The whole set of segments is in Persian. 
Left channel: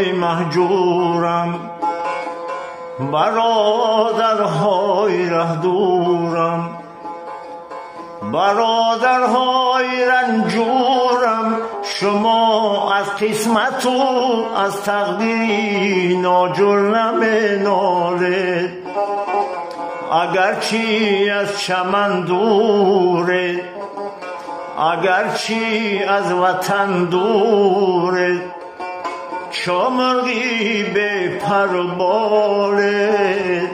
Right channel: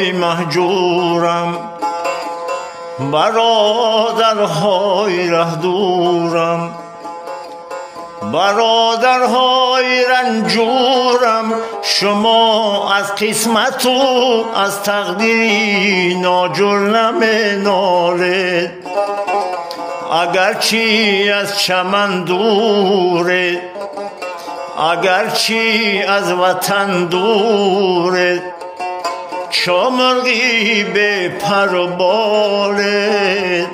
برادرهای مهجورم، برادرهای ره دورم، برادرهای رنجورم. شما از قسمت و از تقدیری ناجر نمینالید، اگرچی از چمن دورید، اگرچی از وطن دورید. چامرغی به پر و بالید،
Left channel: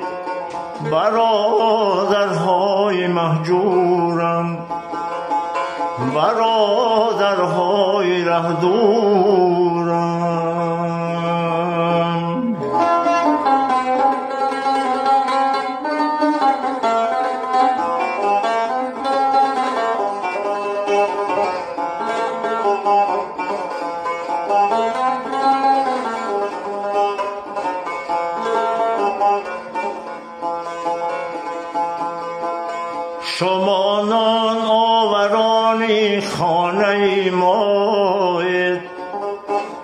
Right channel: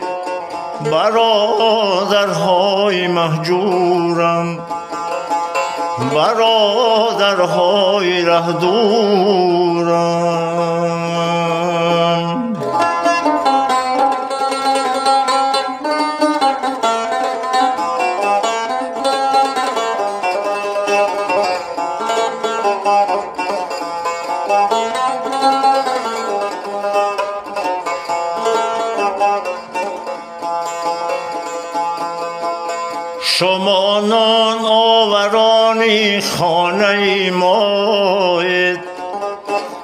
برادرهای مهجورم، برادرهای ره دورم. شما نان آورانی خانه مایید،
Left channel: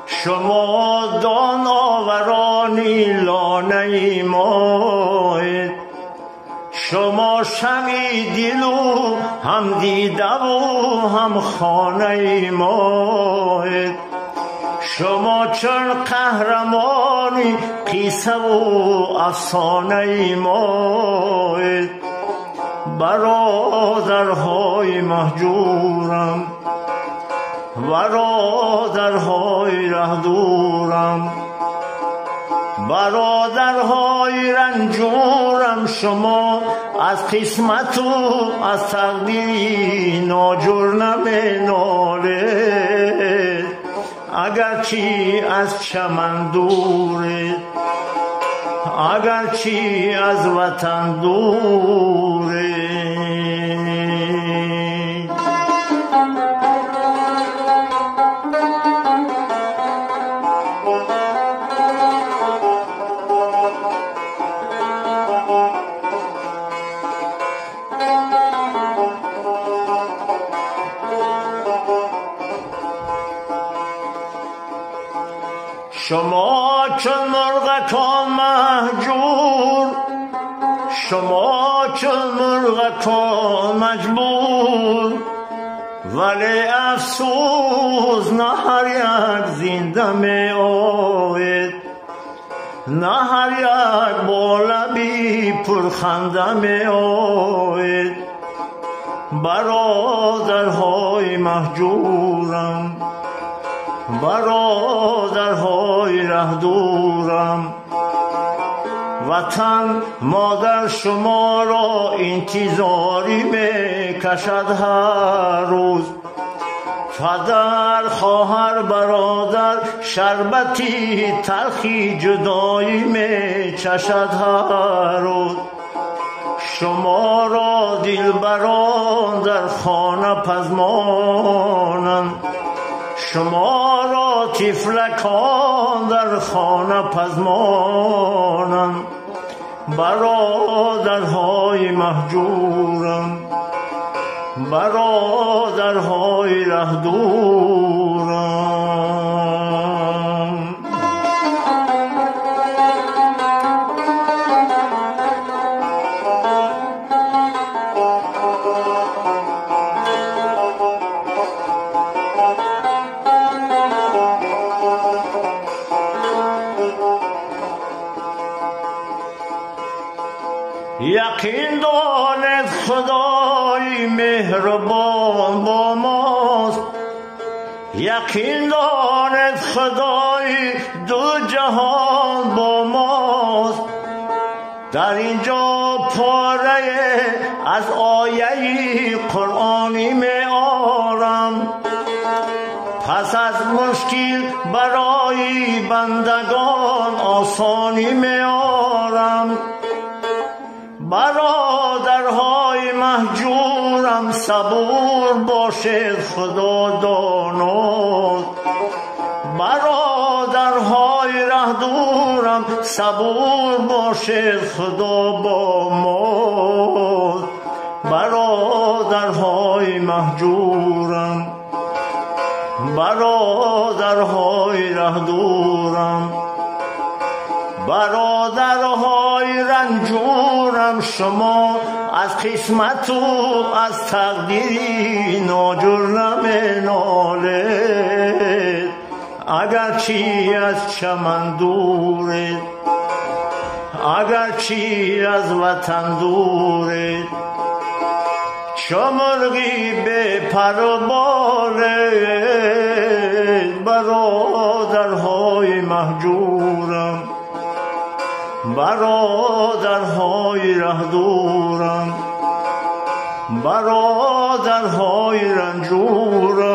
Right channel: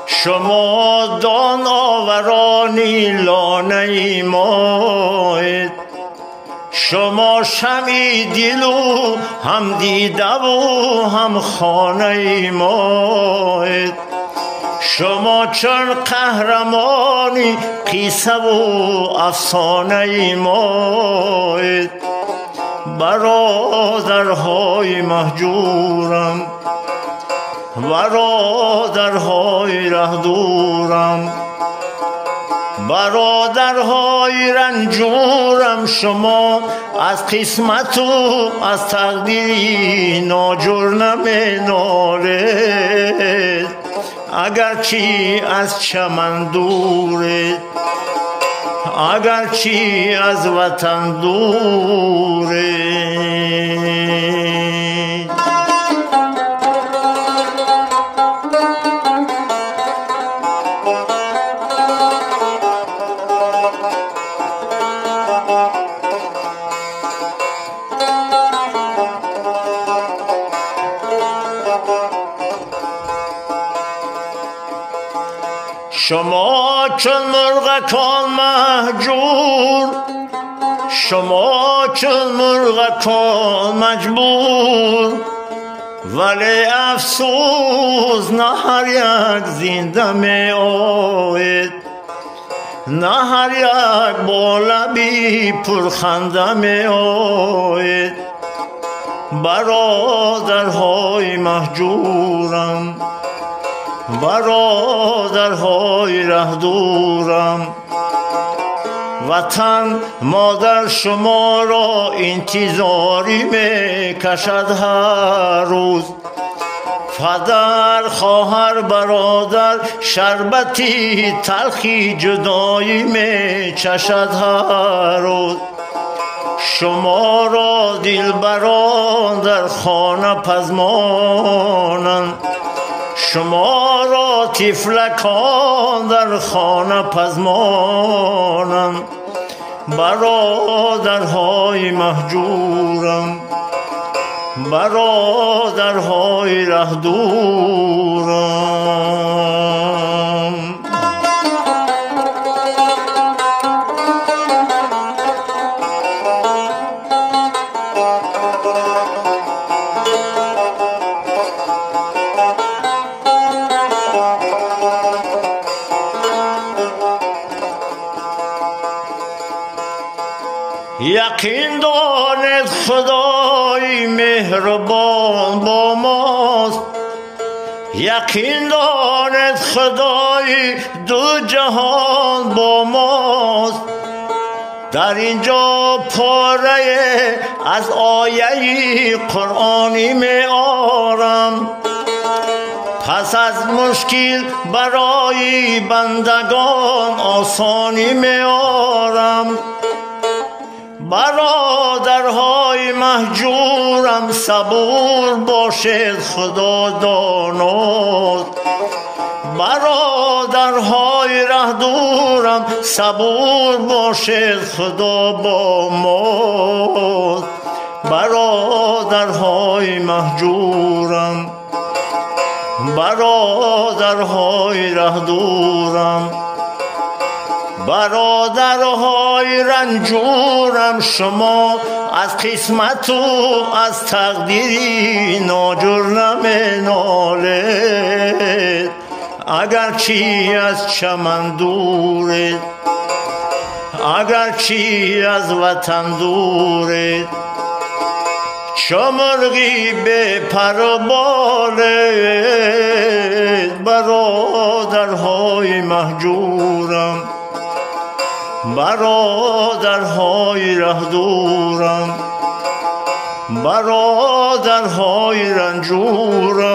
شما دان آورانی لانه مایید. شما شمع دل و هم دیده و هم خانه مایید. شما چون قهرمانی قصه و افسانه مایید. برادرهای مهجورم، برادرهای ره دورم، برادرهای رنجورم. شما از قسمت و از تقدیری ناجر نمینالید، اگرچی از چمن دورید، اگرچی از وطن دورید. شما چون مرغکان مهجور، شما چون مرغکان مجبور، ولی افسوس نه هر یک زنده می آید، نه هر یک با لبی پرخنده می آید. برادرهای مهجورم، برادرهای ره دورم. وطن مادر شما را انتظاری می کشد هر روز، پدر خواهر برادر شربتی تلخی جدایی می چشد هر روز. شما را دلبران در خانه پزمانند، شما را طفلکان در خانه پزمانند. برادرهای مهجورم، برادرهای ره دورم. یقین دارد خدای مهربان با ماست، یقین دارد خدای دو جهان با ماست. در اینجا پاره از آیه قرآنی می آرم، پس از مشکل برای بندگان آسانی می آرم. برادرهای مهجورم صبور باشد خدا داناست، برادرهای ره دورم صبور باشد خدا با ماست. برادرهای مهجورم، برادرهای ره دورم. رنجورم، برادرهای رنجورم، شما از قسمت و از تقدیری ناجور نمینالید، اگرچی از چمن دورید، اگرچی از وطن دورید، چو مرغی به پر و بالید، برادرهای مهجورم، برادرهای رهدورم، برادرهای رنجورم،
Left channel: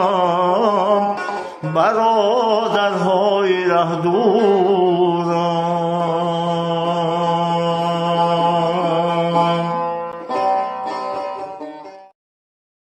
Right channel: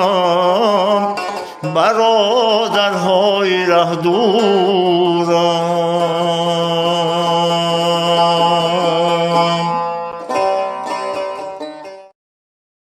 برادر